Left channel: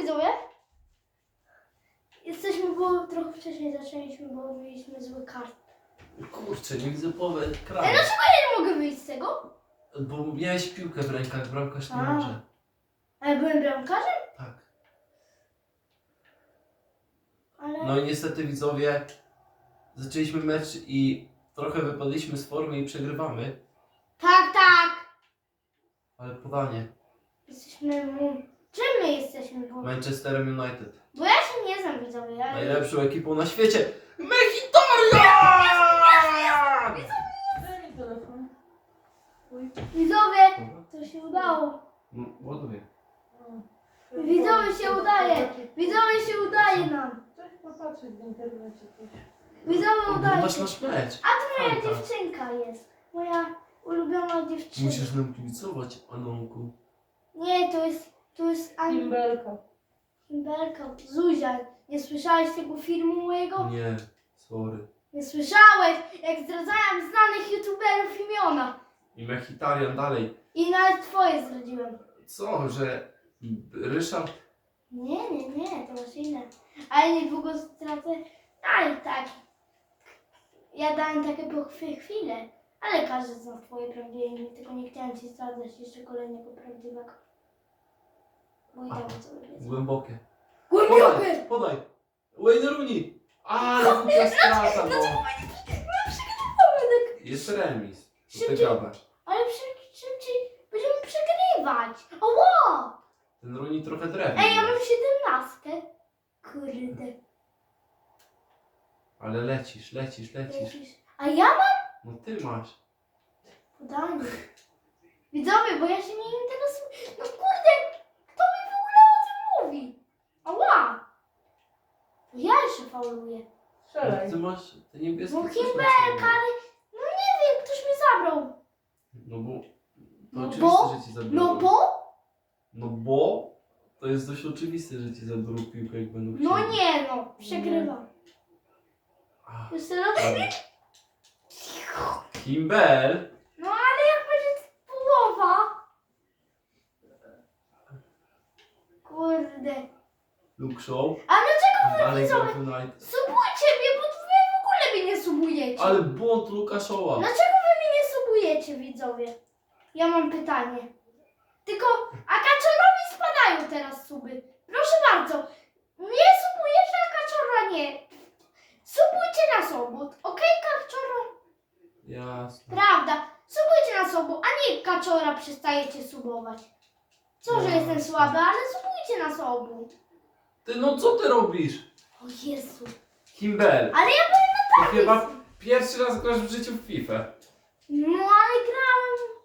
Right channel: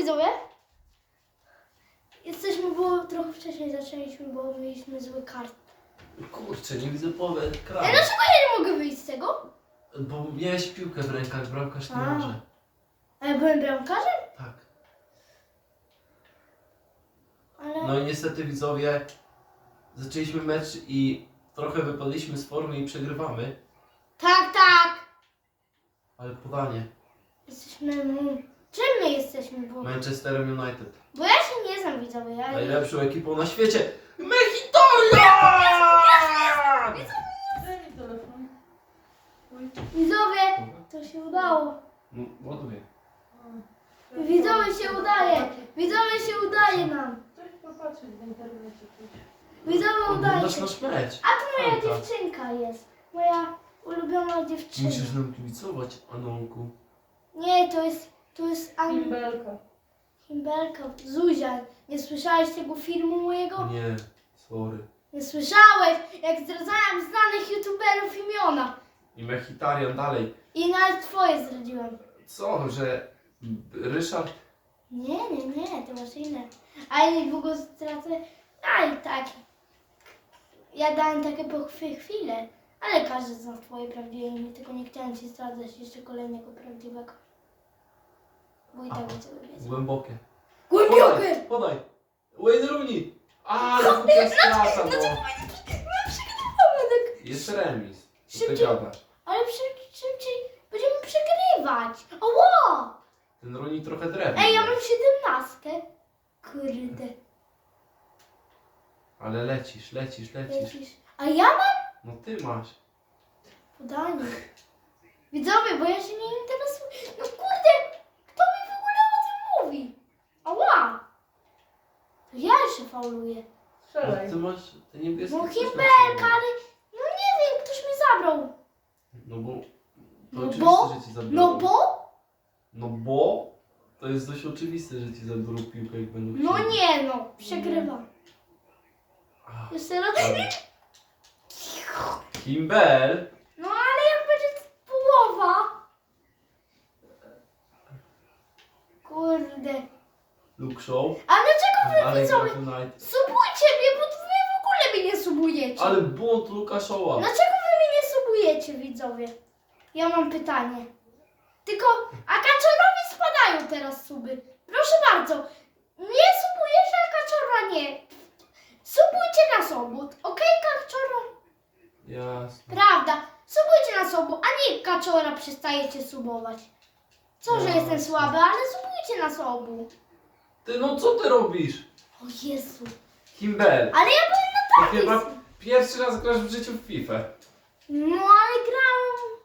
widzowie? Jesteśmy, bo trochę wcześniej zaczęliśmy, bo mieliśmy zły kart. Kurczę, nie widzę połowy ekranu. dlaczego ja nie mogę wyjść z tego? Bo miałeś piłkę w rękach, bramkarz nie A. może. A ja byłem bramkarzem? Tak. Ale... No i niestety widzowie, zaczęliśmy mecz i trochę wypadliśmy z formy i przegrywamy, Tak, tak! ale podanie. Jesteśmy... mu- Czym my jesteśmy w ogóle? Manchesterem United. Bo ja się nie znam, widzowie. Ja... Najlepszą ekipą na świecie. Mechitoria! Telefon. Widzowie, to się udało. No, ładuję. Widzowie się udaje. Widzowie się udaje nam. Coś popatrzeć w internecie. Widzowie udaje Oglądasz się. nasz mecz. A tu moja dziewczynka jest. Moja ulubiona dziewczyna. Musisz nam kibicować, Anonku. Nie, to jest... To jest An... Himbelka. Himbelka, Zuzia. Nie słyszałeś tego filmu mojego? Nie, sorry. Nie słyszałeś, jak zdradzałem znanych youtuberów imiona. I Mechitarian dalej. I nawet twoje zdradziłem. Co, że Ryszard? Nie, nie, nie, to masz inne. A ja niedługo stracę. A i tak. Ja dałem takie po chwi- chwilę. Ale każdy zna twoje prawdziwe imię, tylko nie chciałem ci zdradzać jeszcze kolejnego prawdziwego. Bo i tak sobie wiedzą. Głębokie. Podaj, podaj. Wayne Rooney. Ale głupia strata, no. Jest remis. Co ty Szybciej. gadasz? Ale przy, szybciej będziemy przegrywać. Oło! Ten Rooney trochę drewno. Ej, ja mam siedemnastkę. Kurde. Ale lecisz, lecisz, lecisz. Lecisz. A ja mam No ty masz. podanie. Widzowie, bo ja się nie interesuję. No kurde, kto mi w ogóle o tym mówi? Ała! To No, Strzelaj. ty masz te niebieskie. No coś ale no nie wiem, ktoś mi zabrał. No bo... To No oczywiste, bo? że ci zabiorą. No bo? No bo... To jest dość oczywiste, że ci zabiorą piłkę, jak będą No chcieli. nie no, przegrywam. Ach, Jeszcze raz. ładnie. Himbel. No ale jak będzie połowa? Kurde. Luke Show. A gra widzowie? United. Subujcie mnie, bo wy w ogóle mnie nie subujecie. Ale błąd Luka Showa. Dlaczego wy mnie nie subujecie, widzowie? Ja mam pytanie. Tylko, a kaczorowi spadają teraz suby. Proszę bardzo. Nie subujesz, a kaczora nie. Subujcie na sobot, okej, kaczoro? Jasne. Prawda. Subujcie na sobot, a nie kaczora przestajecie subować. Co, że jestem słaby, ale subujcie na sobu. Ty no co ty robisz? O Jezu. Himbel. Ale ja byłem To na chyba tablicy. pierwszy raz grasz w życiu w FIFA. No ale grałem.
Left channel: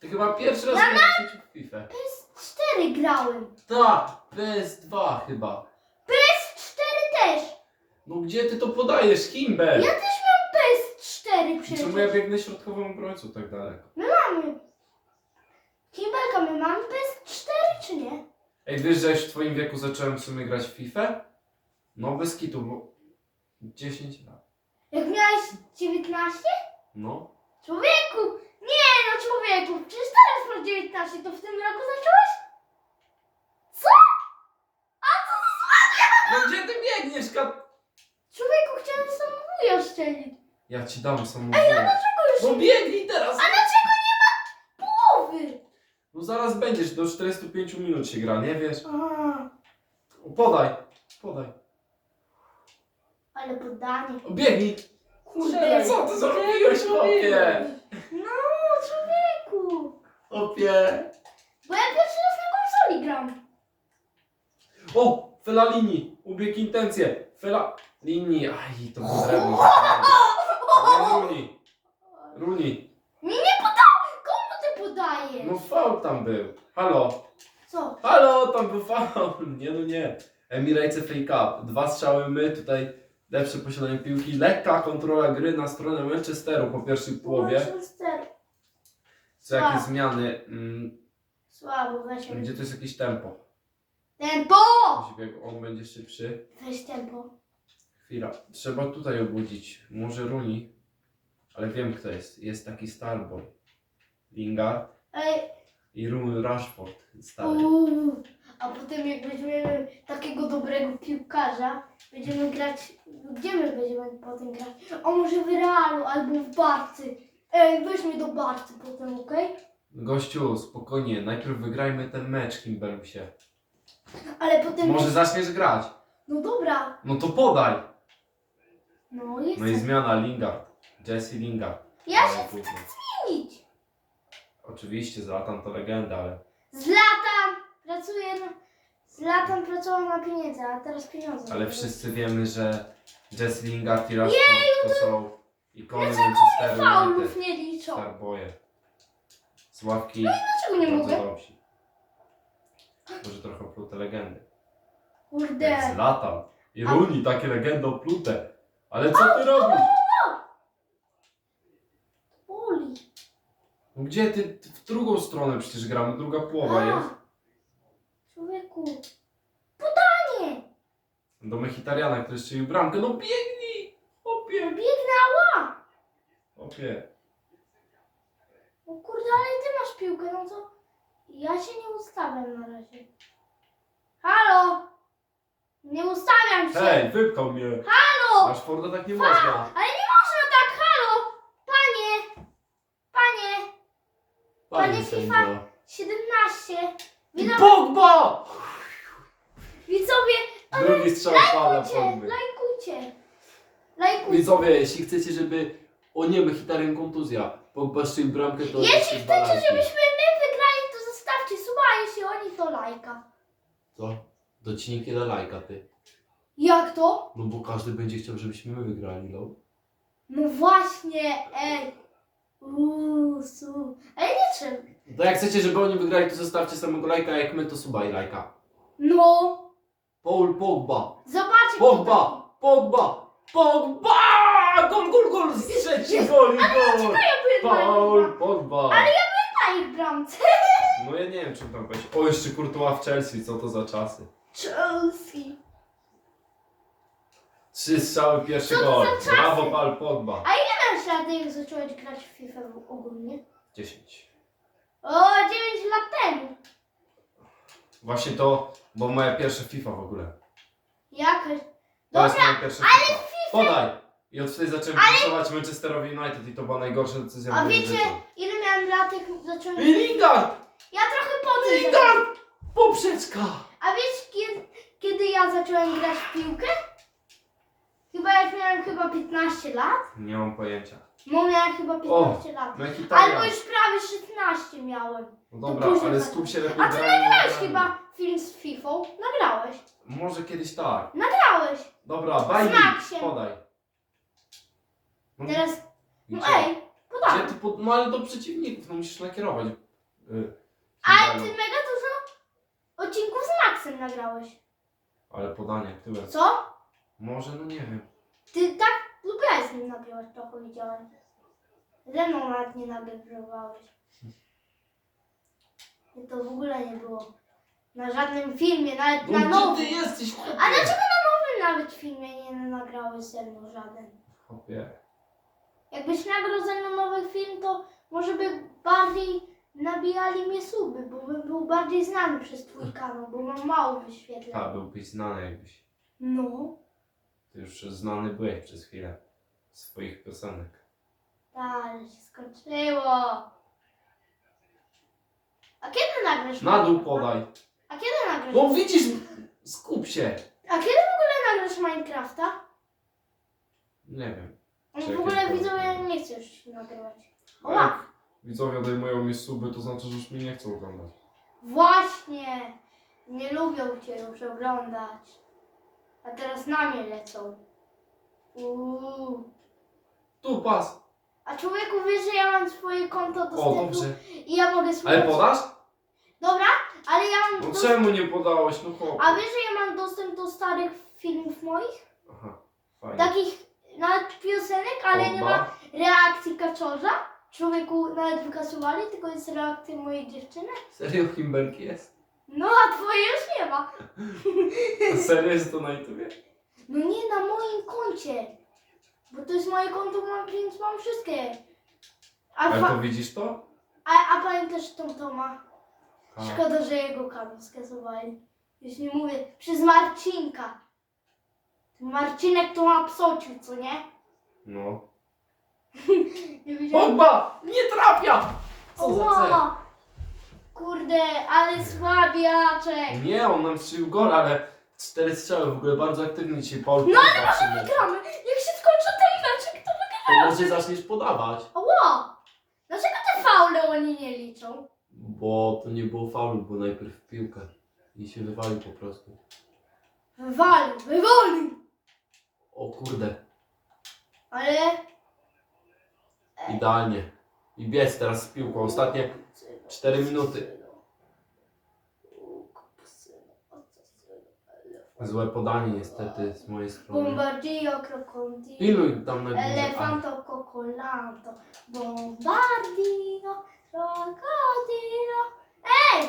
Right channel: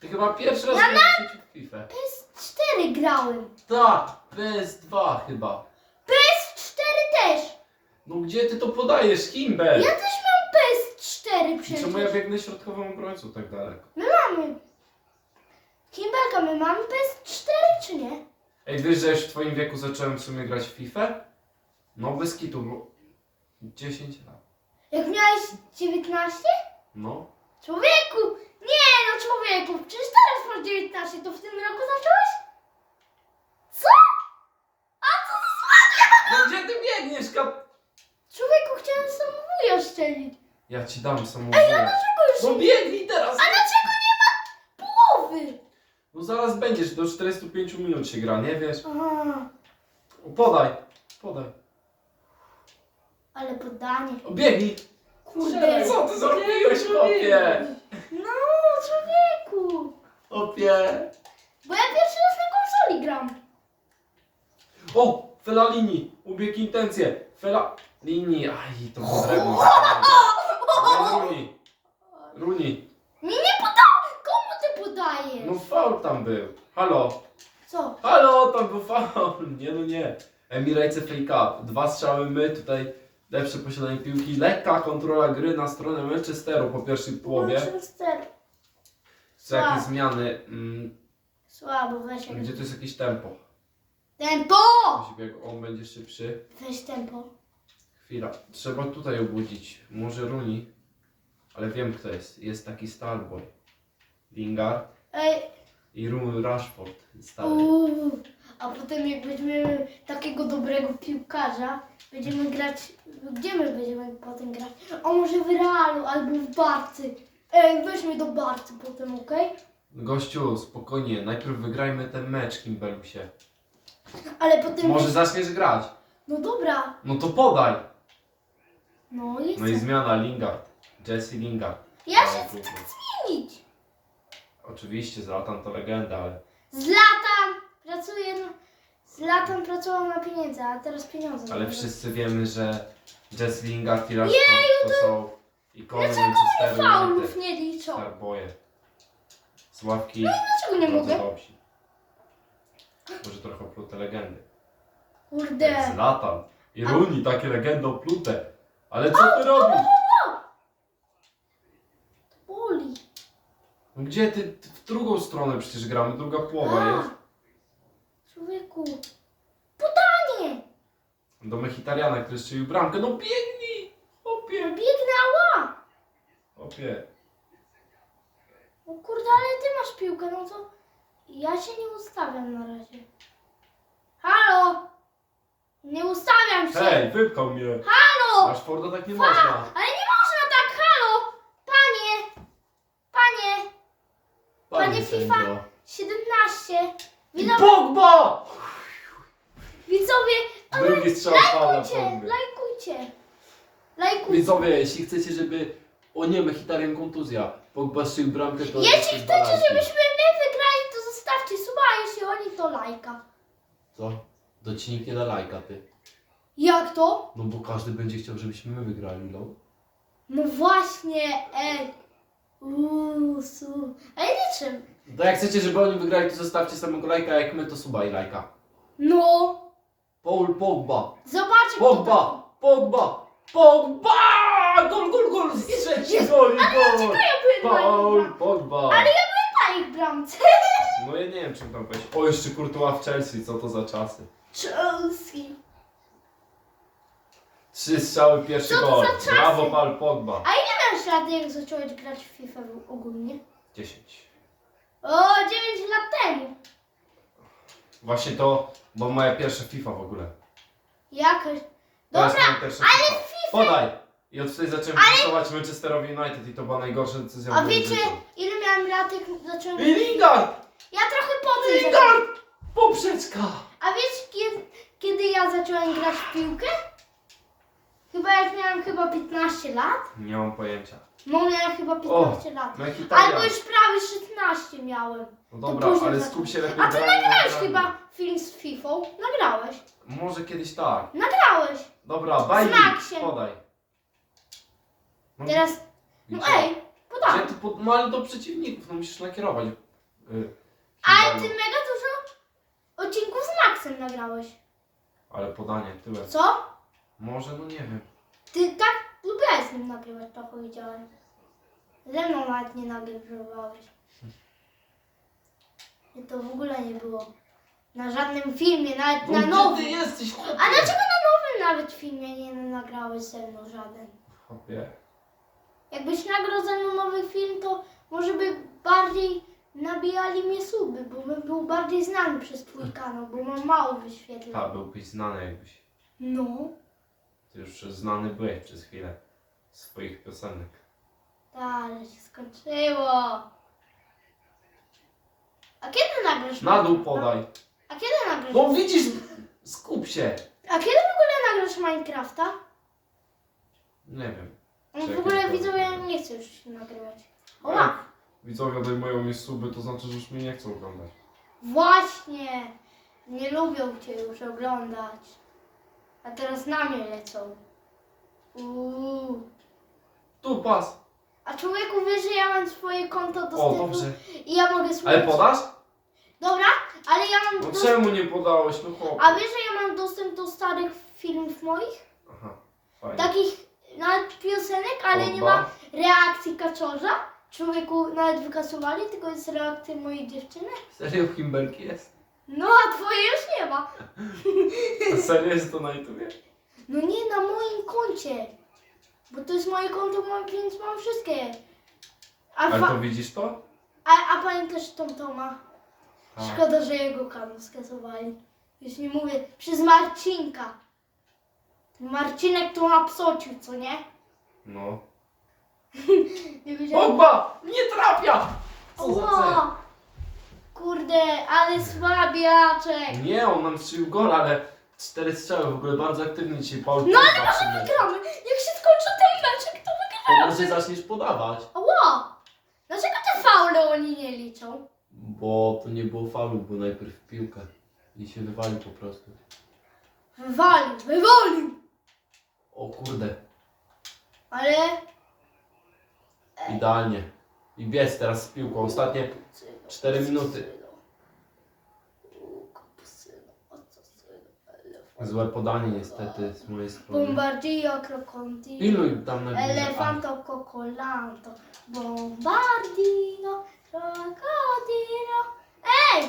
Ty chyba pierwszy raz grasz w życiu w FIFA. PS4 grałem. Tak, PS2 chyba. PS4 też. No gdzie ty to podajesz, Himbel? Ja też miałem PS4 I przecież. Czemu ja biegnę środkową obrońcą tak daleko? My mamy. Kimbelka, my mamy PS4 czy nie? Ej, wiesz, że już w twoim wieku zacząłem w sumie grać w FIFA? No bez kitu, bo 10 lat. Jak miałeś 19? No. Człowieku! Nie no człowieku, przecież teraz masz 19, to w tym roku zacząłeś? Co? A co za No gdzie ty biegniesz, kap... Człowieku, chciałem samobój oszczelić. Ja ci dam samobój. Dlaczego już... No biegnij teraz! A dlaczego nie ma połowy? No zaraz będziesz, do 45 minut się gra, nie wiesz? Podaj, podaj. ale podanie. O, biegnij! Kurde. Co ty zrobiłeś, chłopie? No, człowieku. Chłopie! Bo ja pierwszy raz na konsoli gram. O! Felalini! Ubiegł intencje! Felalini! Aj, to było drewno. Runi! Runi! Nie, nie podam! Komu ty podajesz? No faul tam był. Halo! Co? Halo! Tam był faul! Nie no nie. Emirates FA Cup. Dwa strzały my, tutaj lepsze posiadanie piłki. Lekka kontrola gry na stronę Manchesteru po pierwszej połowie. Manchester. Co jakie Słabo. zmiany? Mm, Słabo, weź gdzie to jest jakieś tempo? Tempo! Musi bieg- On będzie szybszy. Weź tempo. Chwila. Trzeba tutaj obudzić. Może Runi. Ale wiem kto jest. Jest taki Starboy. Lingard Ej, i Runi Rashford. Stary. uuu. A potem jak weźmiemy piłkarza, będziemy grać, gdzie my będziemy potem grać? A może w Realu albo w Barcy. Ej, weź mnie do Barcy potem, okej? Gościu, spokojnie, najpierw wygrajmy ten mecz, Kimbelusie. Ale potem... Może zaczniesz grać. No dobra, No to podaj. no i No i zmiana Lingard. Jesse Lingard. Ja Ale się. Oczywiście, Zlatan to legenda, ale Zlatan pracuje na... Zlatan pracował na pieniądze, a teraz pieniądze. Ale wszyscy wiemy, że i Rashford to są ikony Manchesteru Faulów United. nie liczą. Starboje. Sławki Dlaczego nie bardzo mogę? dobrzy. Może trochę oplute legendy. Kurde. Jak Zlatan. I Rooney, takie legendy oplute. Ale co ty robisz? Boli. No gdzie ty? ty w drugą stronę przecież gramy, druga połowa A. jest. Człowieku. Podanie. Do Mechitariana, który strzelił bramkę. No biegnij! Opie, Biegnała. opie. O kurde, ale ty masz piłkę, no to ja się nie ustawiam na razie. Halo! Nie ustawiam się! Hej, wypchał mnie. Halo! Rashforda tak nie można. Ale nie można tak, halo! Panie! Panie! Panie FIFA. sędzio. 17! I Widzowie, Pogba! widzowie Drugi strzał lajkujcie, Pogby. lajkujcie! Lajkujcie! Widzowie, jeśli chcecie, żeby... O nie, Mechitarian kontuzja. Pogba strzelił bramkę, to... Jeśli chcecie, żebyśmy my wygrali, to zostawcie suba, a jeśli oni, to lajka. Co? To ci nikt nie da lajka, ty. Jak to? No bo każdy będzie chciał, żebyśmy my wygrali, no. No właśnie, ej! Uuu, su. Nie trzeba. To jak chcecie, żeby oni wygrali, to zostawcie samego lajka, a jak my, to suba i lajka. No! Paul Pogba! Zobaczcie. Pogba! Pogba! Pogba! Gol, gol, gol! Trzeci gol i gol! Paul Pogba! Ale ja byłem na ich bramce. No ja nie wiem, czym tam powiedzieć. O, jeszcze Courtois w Chelsea, co to za czasy. Chelsea. Trzy strzały, pierwszy Co to gol. za czasy? Brawo, Paul Pogba. Masz lat, jak zacząłeś grać w FIFA ogólnie? 10. O, 9 lat temu. Właśnie to, bo moja pierwsza FIFA w ogóle. Jakaś. To jest Dobra, moja pierwsza FIFA. Podaj! I od wtedy zacząłem kibicować Manchesterowi United i to była najgorsza decyzja w A moim wiecie, życiu. ile miałem lat, jak zacząłem... I Lingard! Ja trochę potem zacząłem. Lingard! Poprzeczka! A wiesz, kiedy, kiedy ja zacząłem grać w piłkę? Chyba jak miałem chyba 15 lat. Nie mam pojęcia. No miałem chyba 15 lat. Mekitarian. Albo już prawie 16 miałem. No dobra, później ale skup się lepiej A ty na nagrałeś chyba film z FIFA? Nagrałeś. Może kiedyś tak. Nagrałeś. Dobra, bajki, Maxiem. podaj. No, Teraz, no gdzie? ej, Gdzie podam. ty pod... No ale do przeciwników, no musisz nakierować. Y, Ale ty mega dużo odcinków z Maxem nagrałeś. Ale podanie, tyłem. Co? Może, no nie wiem. Ty tak lubiłeś z nim nagrywać, trochę widziałem. Ze mną nawet nie nagrywałeś. I to w ogóle nie było. Na żadnym filmie, nawet na gdzie nowym. ty jesteś, chłopie? A dlaczego na nowym nawet filmie nie nagrałeś ze mną żaden? Chłopie. Jakbyś nagrał ze mną nowy film, to może by bardziej nabijali mnie suby, bo bym był bardziej znany przez twój kanał, bo bym mało A, wyświetlał. byłbyś znany jakbyś. No. Ty już znany byłeś przez chwilę. Swoich piosenek. Tak, ale się skończyło. A kiedy nagrasz Na dół podaj. A kiedy nagrasz? No widzisz, skup się. A kiedy w ogóle nagrasz Minecrafta? Nie wiem. No Czekaj, w ogóle powiem. widzowie nie chcę już się nagrywać. A jak widzowie odejmują mi suby, to znaczy, że już mnie nie chcą oglądać. Właśnie! Nie lubią cię już oglądać. A teraz na mnie lecą. Uuu. Tu pas. A człowieku wiesz, że ja mam swoje konto O, dostępu dobrze. i ja mogę Ale podasz? Dobra, ale ja mam No dostęp... czemu nie podałeś? No chłopie. A wiesz, że ja mam dostęp do starych filmów moich? Aha, fajnie. Takich nawet piosenek, ale nie ma reakcji kaczorza. Człowieku nawet wykasowali, tylko jest reakcja mojej dziewczyny. Serio Kimberki jest? No a twoje już nie ma. A serio jest to na YouTubie? No nie na moim koncie. Bo to jest moje konto, mam, więc mam wszystkie. A, Ale fa- to widzisz to? a, a pamiętasz tą Toma? Tak. Szkoda, że jego kanał skasowali. Już nie mówię, przez Marcinka. Marcinek to ma psociu, co nie? No. Nie wiedziałem. Pogba! Nie trafia! Co za cel? Ła! Kurde, ale słabiaczek. Nie, on nam strzelił gol, ale cztery strzały, w ogóle bardzo aktywnie dzisiaj Paul no, ale Gramy. Jak się skończy ten meczek, to To może zaczniesz podawać. Ła! Dlaczego te faule oni nie liczą? Bo to nie było faulu, bo najpierw piłkę. I się wywalił po prostu. Wywalił, wywalił! O kurde, Ale... idealnie. I biec teraz z piłką. Ostatnie cztery minuty. Złe podanie niestety z mojej strony. Bombardio, krokodilo. Piluj tam na górze. A, Elefanto, cocolanto. Bombardio, krokodilo. Ej!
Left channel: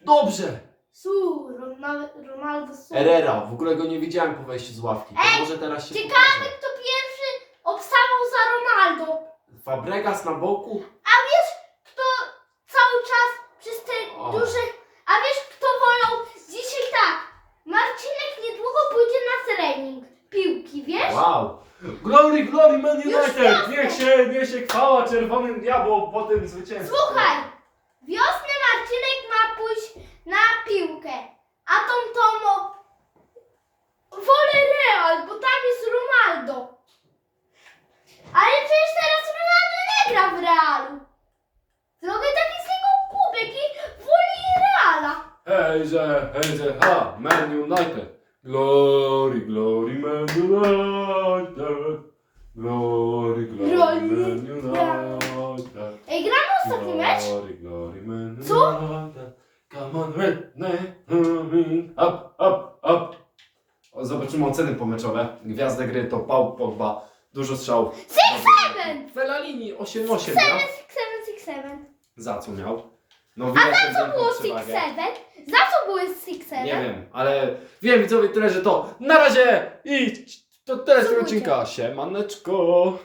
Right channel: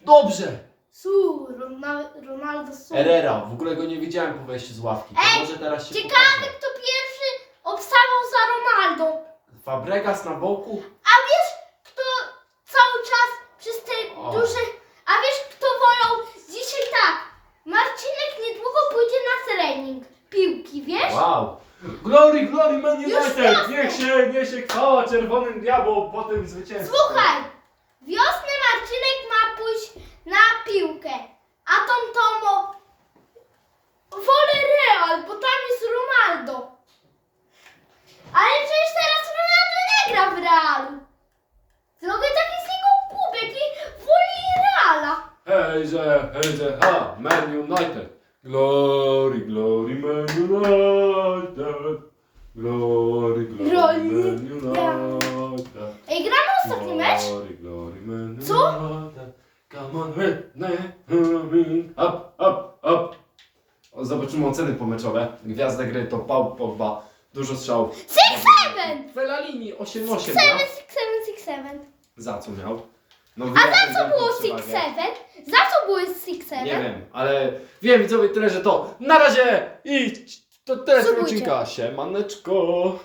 Dobrze! Su, Ronaldo, Ronaldo Su. Herrera, w ogóle go nie widziałem po wejściu z ławki. To może teraz się ciekawe. pokaże. Kto pierwszy obstawał za Ronaldo? Fabregas na boku? A wiesz, kto cały czas przez te O. duże... A wiesz, kto wolał dzisiaj tak? Marcinek niedługo pójdzie na trening piłki, wiesz? Wow! Glory, glory Man United! jasne. Niech się niesie chwała czerwonym diabłom po tym zwycięstwie. Słuchaj, wiosny Marcinek ma pójść na piłkę, a tą Tomo wolę Real, bo tam jest Ronaldo. Ale przecież teraz Ronaldo nie gra w Realu. Zrobię taki z niego kubek i woli Reala. Hejże, hejże, ha! Man United! Glory, glory Man United! Glory, glory Glory, Man United! Ej, gramy ostatni mecz? Glory, glory Man Co? United! Come on, Whitney! Up, up, up! O, Zobaczymy oceny pomeczowe. Gwiazdę gry to Paul Pogba. Dużo strzałów. Six seven! Fellaini 8-8 Six miał. seven, six seven, six seven. Za co miał? No, A za co było six seven? Za co było six seven? Nie wiem, ale wiem widzowie tyle, że to na razie i to tyle z tego Subujcie. odcinka. Siemaneczko!